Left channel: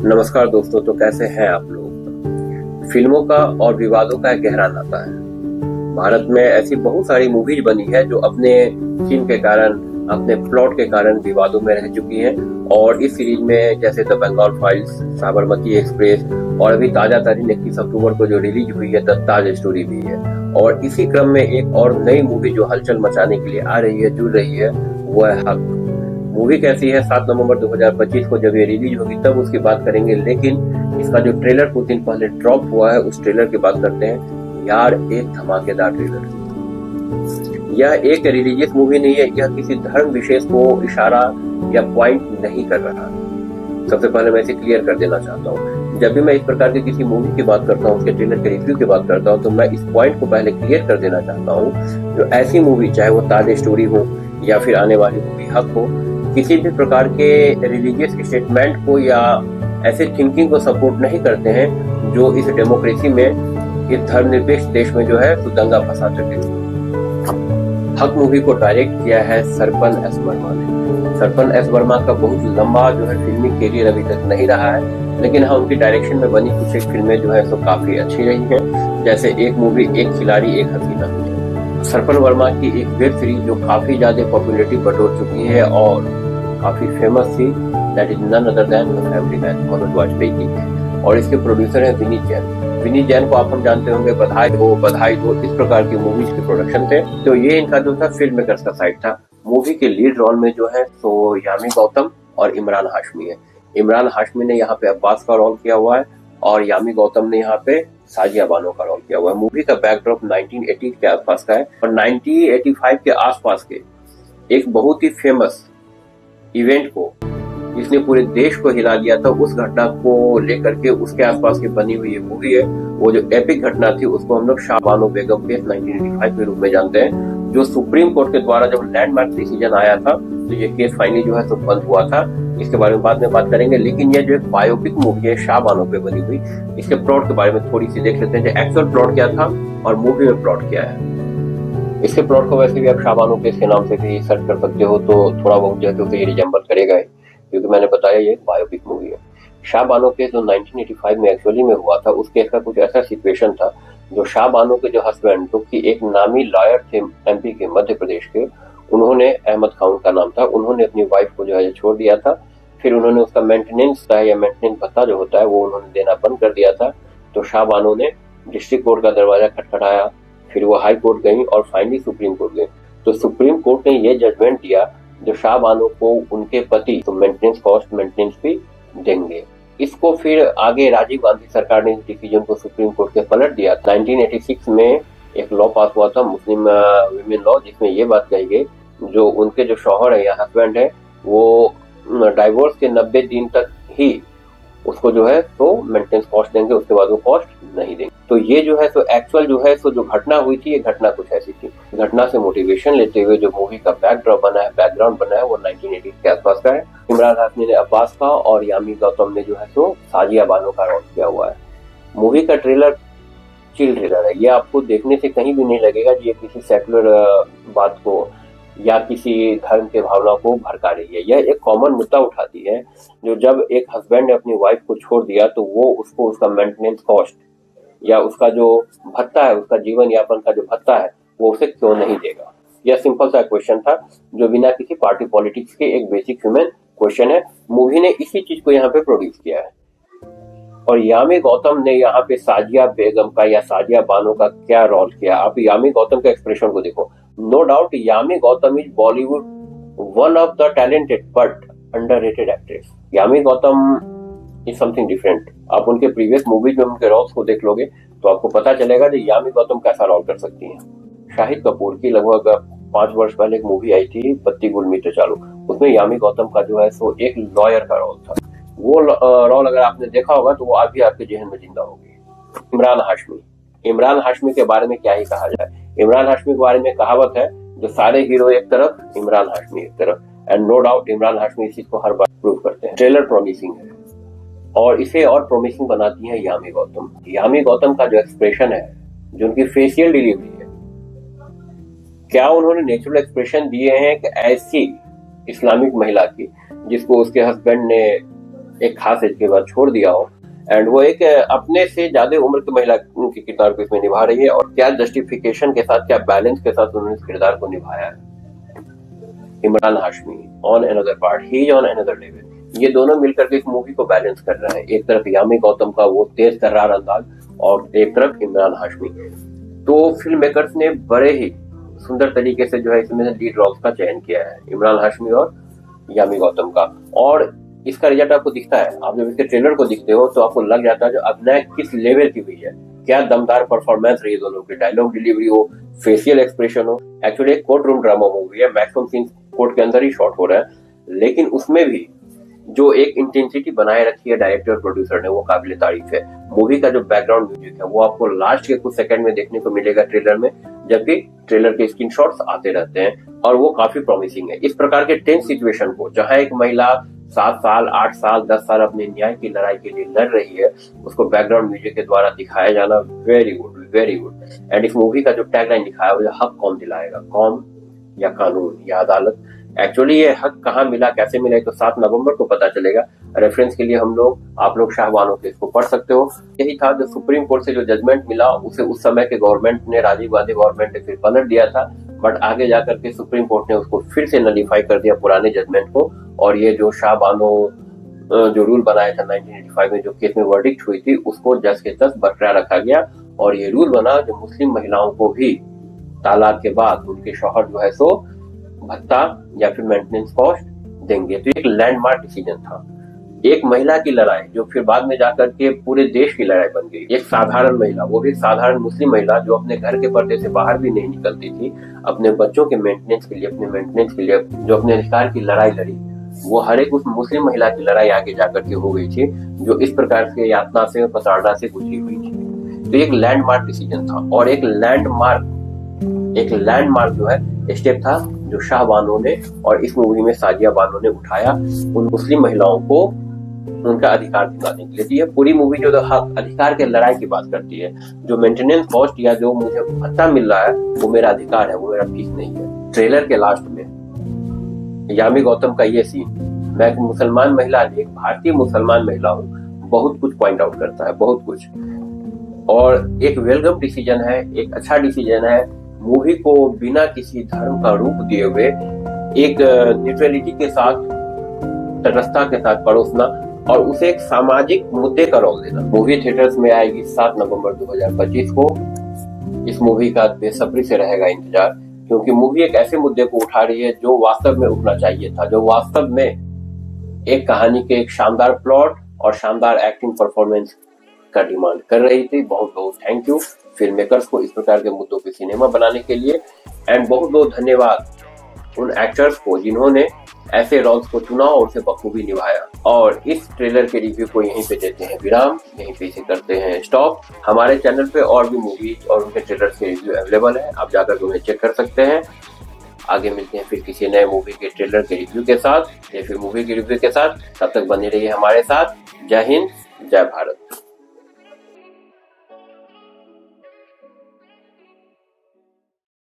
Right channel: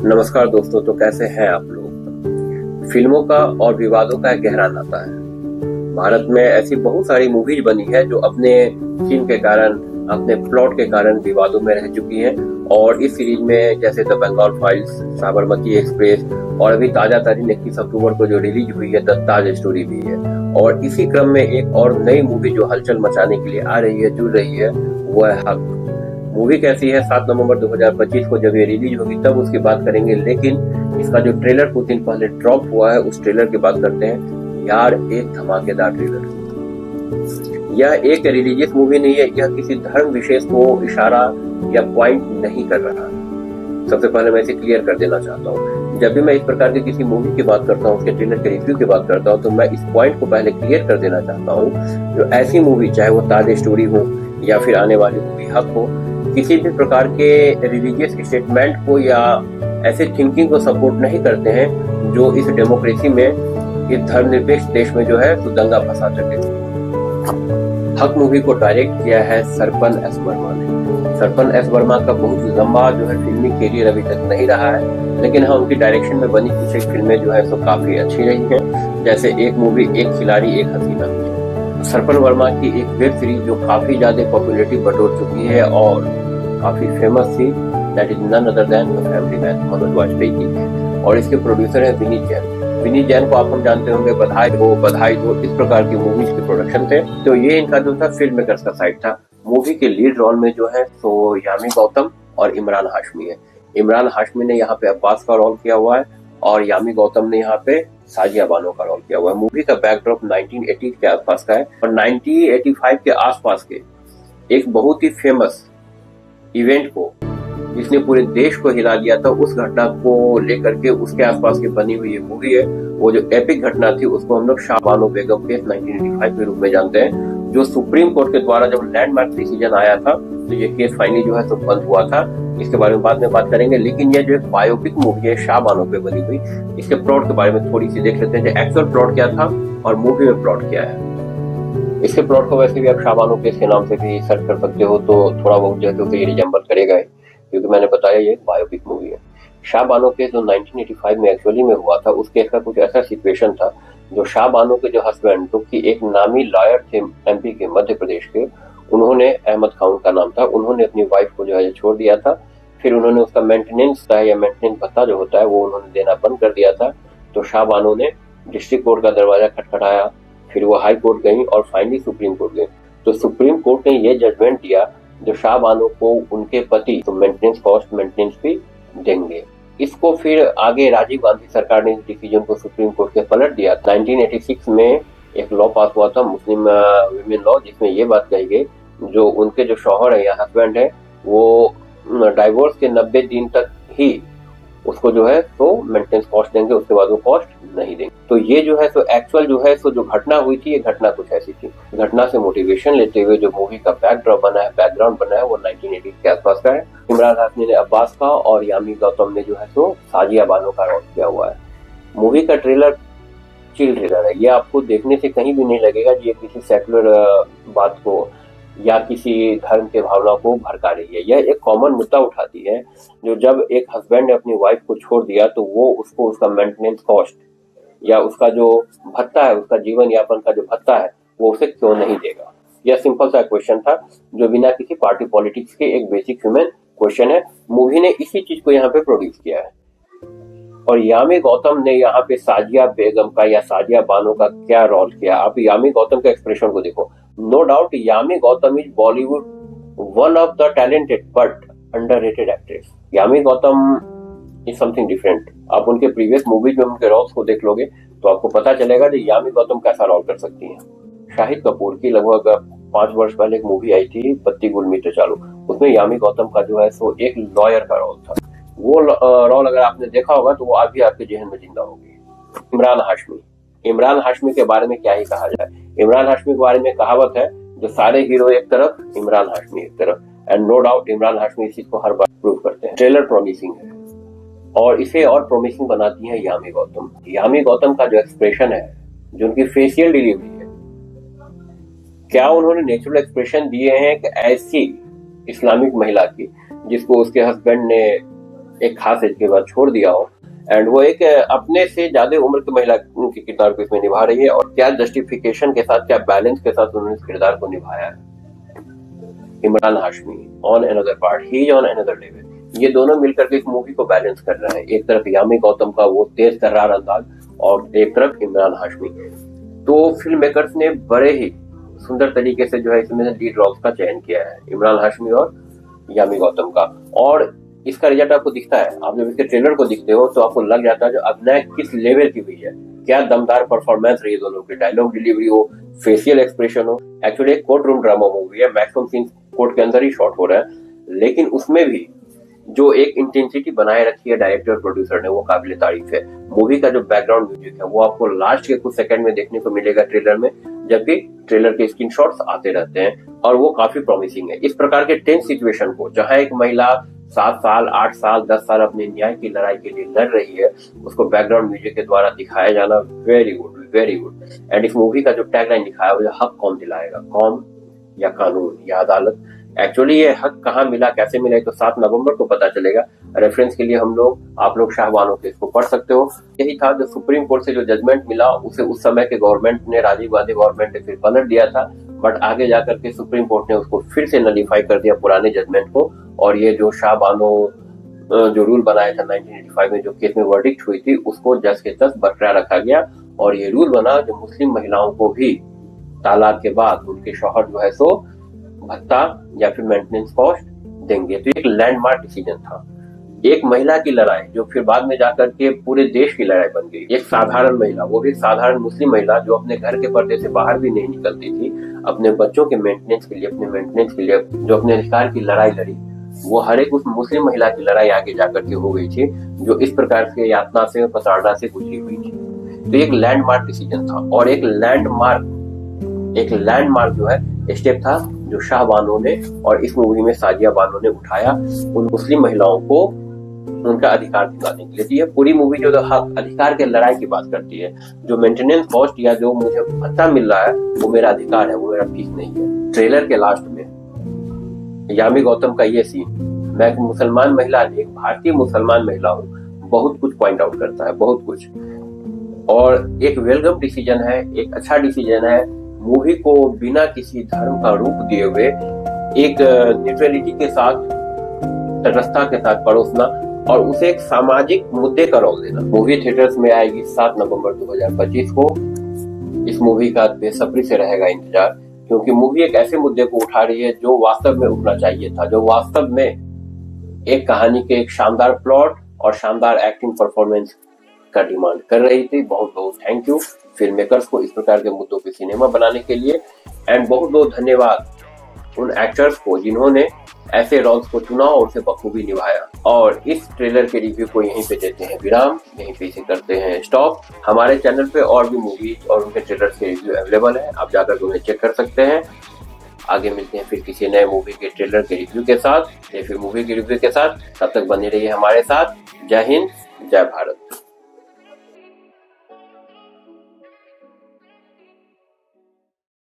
नमस्कार दोस्तों, तो कैसे हैं आप लोग। फिल्मों का और विवादों का एक गहरा नाता है। भारत में ऐसी बहुत सारी मूवीज बनी है जो अपने थीम के कारण, अपने प्लॉट के कारण विवादों में रह चुकी हैं। और इस सीरीज में जैसे the Bengal files, Sabarmati express और अभी ताजा तारीख 21 अक्टूबर को जो रिलीज हुई है द ताज स्टोरी भी है। और इसी क्रम में एक और नई मूवी जो हलचल मचाने के लिए आ रही है, जुड़ रही है, वो है हक। मूवी कैसी है, 7 नवंबर 2025 को जब ये रिलीज होगी तब उसकी बात करेंगे। लेकिन इसका जो ट्रेलर कुछ दिन पहले ड्रॉप हुआ है उस ट्रेलर की बात करते हैं। यार, एक धमाकेदार ट्रेलर। यह एक रिलीजियस मूवी नहीं है, यह किसी धर्म विशेष को इशारा या पॉइंट नहीं कर रहा है। सबसे पहले मैं इसे क्लियर कर देना चाहता हूँ। जब भी मैं इस प्रकार की किसी मूवी की बात करता हूँ, उसके ट्रेलर के रिव्यू की बात करता हूँ, तो मैं इस पॉइंट को पहले क्लियर कर देना चाहता हूँ। जो ऐसी मूवी, चाहे वो ताज स्टोरी हो या फिर आने वाली मूवी हक हो, किसी भी प्रकार के रिलीजियस स्टेटमेंट को या ऐसे थिंकिंग को सपोर्ट नहीं करते हैं जो इस डेमोक्रेसी में, इस धर्मनिरपेक्ष देश में जो है ज्यादा फंसा सके। हक मूवी को डायरेक्ट किया है सरकन एस वर्मा ने। सरकन एस वर्मा का कुछ लंबा जो है अभी तक नहीं रहा, लेकिन हाँ, उनकी डायरेक्शन में बनी कुछ फिल्में जो है तो काफी अच्छी रही है। जैसे एक मूवी एक खिलाड़ी एक हसीना, सरकन वर्मा की एक वेब सीरीज जो काफी ज्यादा पॉपुलैरिटी बटोर चुकी है और काफी फेमस थी, that is none other than the family man, Manoj Vajpayee की। और इसके प्रोड्यूसर हैं विनीत जैन। विनीत जैन को आप हम जानते होंगे, बधाई हो, इस प्रकार की मूवीज के प्रोडक्शन थे। तो ये इनका जो था फिल्म मेकर्स का साइड था। मूवी के लीड रोल में जो है तो यामी गौतम और इमरान हाशमी है। इमरान हाशमी ने यहाँ पे अब्बास का रोल किया हुआ है और यामी गौतम ने यहाँ पे साजिया बानो का रोल किया हुआ है। मूवी का बैकड्रॉप 1980 के आसपास का है और 1985 के आसपास के एक बहुत ही फेमस इवेंट को, जिसने पूरे देश को हिला दिया था, उस घटना को लेकर के उसके आसपास की बनी हुई ये मूवी है। वो जो एपिक घटना थी उसको हम लोग शाह बानो बेगम केस 1985 के रूप में जानते हैं, जो सुप्रीम कोर्ट के द्वारा जब लैंडमार्क डिसीजन आया था तो ये केस फाइनली जो है तो बंद हुआ था। इसके बारे में बाद में बात करेंगे। लेकिन ये जो बायोपिक मूवी है शाह बानो पे बनी हुई, इसके प्लॉट के बारे में थोड़ी सी देख लेते हैं। एक्चुअल प्लॉट क्या था और मूवी में प्लॉट क्या है। इसके प्लॉट को वैसे भी आप शाह बानो केस के नाम से भी सर्च कर सकते हो, तो थोड़ा बहुत जो है तो रिजेंबल करेगा, क्योंकि मैंने बताया ये एक बायोपिक मूवी है। शाह बानो केस जो 1985 में एक्चुअली में हुआ था, उस केस का कुछ ऐसा सिचुएशन था, जो शाह बानो के जो हस्बैंड, जो कि एक नामी लॉयर थे एमपी के, मध्य प्रदेश के, उन्होंने, अहमद खान उनका नाम था, उन्होंने अपनी वाइफ को जो है छोड़ दिया था। फिर उन्होंने उसका मेंटेनेंस या मेंटेनेंस भत्ता जो होता है वो उन्होंने देना बंद कर दिया था। तो शाह बानो ने डिस्ट्रिक्ट कोर्ट का दरवाजा खटखटाया, फिर वो हाई कोर्ट गई और फाइनली सुप्रीम कोर्ट गई। तो सुप्रीम कोर्ट ने ये जजमेंट दिया, जो शाह बानो को उनके पति तो मेंटेनेंस कॉस्ट, मेंटेनेंस भी देंगे। इसको फिर आगे राजीव गांधी सरकार ने इस डिसीजन को सुप्रीम कोर्ट के पलट दिया। 1986 में एक लॉ पास हुआ था, मुस्लिम विमेन लॉ, जिसमें ये बात कही गई, जो उनके जो शौहर है या हस्बैंड है, वो डाइवोर्स के 90 दिन तक ही उसको जो है तो मेंटेनेंस कॉस्ट देंगे, उसके बाद वो कॉस्ट नहीं देंगे। तो ये जो है तो एक्चुअल जो है तो जो घटना हुई थी, ये घटना कुछ ऐसी थी। घटना से मोटिवेशन लेते हुए जो मूवी का बैकड्रॉप बना है, बैकग्राउंड बना है, वो 1980 के आसपास का है। इमरान हाशमी ने अब्बास का और यामी गौतम ने जो है तो साजिया बानो का रोल किया हुआ है। मूवी का ट्रेलर चिल ट्रेलर है, ये आपको देखने से कहीं भी नहीं लगेगा ये किसी सेकुलर बात को या किसी धर्म के भावना को भड़का रही है। यह एक कॉमन मुद्दा उठाती है, जो जब एक हस्बैंड ने अपनी वाइफ को छोड़ दिया तो वो उसको उसका मेंटेनेंस कॉस्ट या उसका जो भत्ता है, उसका जीवन यापन का जो भत्ता है, वो उसे क्यों नहीं देगा। यह सिंपल सा क्वेश्चन था, जो बिना किसी पार्टी पॉलिटिक्स के एक बेसिक ह्यूमन क्वेश्चन है। मूवी ने इसी चीज को यहाँ पे प्रोड्यूस किया है। और यामी गौतम ने यहाँ पे साजिया बेगम का या साजिया बानो का क्या रोल किया, आप यामी गौतम का एक्सप्रेशन को देखो। No doubt Yami Gautam is Bollywood one of the talented but underrated actress. Yami Gautam is something different. आप उनके प्रीवियस मूवीज में उनके रोल्स को देख लोगे तो आपको पता चलेगा कि यामी गौतम कैसा रोल कर सकती हैं। शाहिद कपूर की लगभग 5 वर्ष पहले एक मूवी आई थी पत्ती गुल मीठे चालू, उसमें यामी गौतम का जो है सो एक लॉयर का रोल था। वो रोल अगर आपने देखा होगा तो वो आज भी आपके जहन में जिंदा होगी। इमरान हाशमी के बारे में क्या ही कहा जाए। इमरान हाशमी के बारे में कहावत है, जो सारे हीरो एक तरफ, इमरान हाशमी एक तरफ। And no doubt Imran Hashmi इस चीज को हर बार प्रूव करते हैं। ट्रेलर प्रॉमिसिंग है और इसे और प्रॉमिसिंग बनाती है यामी गौतम। यामी गौतम का जो एक्सप्रेशन है, जो उनकी फेशियल डिलीवरी है, क्या उन्होंने नेचुरल एक्सप्रेशन दिए हैं कि ऐसी इस्लामिक महिला की जिसको उसके हस्बैंड ने एक खास एज के बाद छोड़ दिया हो, एंड वो एक अपने से ज्यादा उम्र की महिला के किरदार को इसमें निभा रही है, और क्या जस्टिफिकेशन के साथ, क्या बैलेंस के साथ उन्होंने इस किरदार को निभाया है। Imran Hashmi on another part, he is on another level. ये दोनों मिलकर के इस मूवी को बैलेंस कर रहे हैं। एक तरफ यामी गौतम का वो तेज तर्रार अंदाज, और एक तरफ इमरान हाशमी। तो फिल्म मेकर्स ने बड़े ही सुंदर तरीके से जो है इसमें लीड रोल्स का चयन किया है, इमरान हाशमी और यामी गौतम का। और इसका रिजल्ट आपको दिखता है, आप जब इसके ट्रेलर को दिखते हो तो आपको लग जाता है जो अभिनय किस लेवल की हुई है, क्या दमदार परफॉर्मेंस रही दोनों की, डायलॉग डिलीवरी हो, फेशियल एक्सप्रेशन हो। एक्चुअली एक कोर्ट रूम ड्रामा मूवी है, मैक्सिमम सीन कोर्ट के अंदर ही शॉट हो रहा है, लेकिन उसमें भी जो एक इंटेंसिटी बनाए रखी है डायरेक्टर और प्रोड्यूसर ने, वो काबिल तारीफ है। मूवी का जो बैकग्राउंड म्यूजिक है वो आपको लास्ट के कुछ सेकंड में देखने को मिलेगा ट्रेलर में, जबकि ट्रेलर के स्क्रीनशॉट्स आते रहते हैं और वो काफी प्रॉमिसिंग है। इस प्रकार के टेंस सिचुएशन को, जहां एक महिला 7 साल 8 साल 10 साल अपने न्याय की लड़ाई के लिए लड़ रही है, उसको बैकग्राउंड म्यूजिक के द्वारा दिखाया जाना very good, very good. And इस मूवी का जो टैगलाइन लिखा है वो हक कौन दिलाएगा, कौन या कानून या अदालत। एक्चुअली ये हक कहाँ मिला, कैसे मिला, तो 7 नवंबर को पता चलेगा। रेफरेंस के लिए आप लोग शाहबानो केस को पढ़ सकते हो। यही था जो सुप्रीम कोर्ट से जो जजमेंट मिला, उसे उस समय के गवर्नमेंट ने, राजीव गांधी गवर्नमेंट ने फिर पलट दिया था, बट आगे जाकर के सुप्रीम कोर्ट ने उसको फिर से नलीफाई कर दिया पुराने जजमेंट को। और ये जो शाहबानो जो रूल बनाया था 1985 में, जो केस में वर्डिक्ट हुई थी, उसको जज के जज बरकरार रखा गया। और ये रूल बना जो मुस्लिम महिलाओं को भी तलाक के बाद उनके शौहर जो है सो भत्ता या फिर मेंटेनेंस कॉस्ट देंगे। तो एक लैंडमार्क डिसीजन था। एक महिला की लड़ाई जो फिर बाद में जाकर के पूरे देश की लड़ाई बन गई। एक साधारण महिला, वो भी साधारण मुस्लिम महिला, जो अपने घर के पर्दे से बाहर भी नहीं निकलती थी, अपने बच्चों के मेंटेनेंस के लिए, अपने मेंटेनेंस के लिए जो अपने अधिकार की लड़ाई लड़ी, वो हर एक उस मुस्लिम महिला की लड़ाई आगे जाकर के हो गई थी, जो इस प्रकार से यातना से, प्रताड़ना से गुजरी हुई थी। तो एक लैंडमार्क डिसीजन था, और एक लैंडमार्क जो है स्टेप था जो शाहबानो ने और इस मूवी में साजिया बानो ने उठाया उन मुस्लिम महिलाओं को उनका अधिकार दिलाने के लिए। ये पूरी मूवी जो हक अधिकार के लड़ाई की बात करती है। जो मेंटेनेंस कॉस्ट या जो मुझे भत्ता मिल रहा है वो मेरा अधिकार है, वो मेरा फीस नहीं है। ट्रेलर के लास्ट में यामी गौतम का ये सीन, मैं एक मुसलमान महिला, एक भारतीय मुसलमान महिला हूँ, बहुत कुछ पॉइंट आउट करता है, बहुत कुछ। और एक वेलकम डिसीजन है, एक अच्छा डिसीजन है। मूवी को बिना किसी धर्म का रूप दिए हुए एक न्यूट्रलिटी के साथ, आस्था के साथ परोसना, और उसे एक सामाजिक मुद्दे का रोल देना। मूवी थिएटर्स में आएगी 7 नवंबर 2025 को। इस मूवी का बेसब्री से रहेगा इंतजार, क्योंकि मूवी एक ऐसे मुद्दे को उठा रही है जो वास्तव में उठना चाहिए था, जो वास्तव में एक कहानी के एक शानदार प्लॉट और शानदार एक्टिंग परफॉर्मेंस का डिमांड कर रही थी। बहुत बहुत थैंक यू फिल्म मेकर्स को इस प्रकार के मुद्दों के सिनेमा बनाने के लिए, एंड बहुत बहुत धन्यवाद उन एक्टर्स को जिन्होंने ऐसे रोल्स को चुना और उसे बखूबी निभाया। और इस ट्रेलर के रिव्यू को यहीं पे देते हैं विराम, यहीं पे इसे करते हैं स्टॉप। हमारे चैनल पे और भी मूवीज और उनके ट्रेलर के रिव्यू अवेलेबल है, आप जाकर उन्हें चेक कर सकते हैं। आगे मिलते हैं फिर किसी नए मूवी के ट्रेलर के रिव्यू के साथ, या फिर मूवी के रिव्यू के साथ। तब तक बने रहिए हमारे साथ। जय हिंद, जय भारत।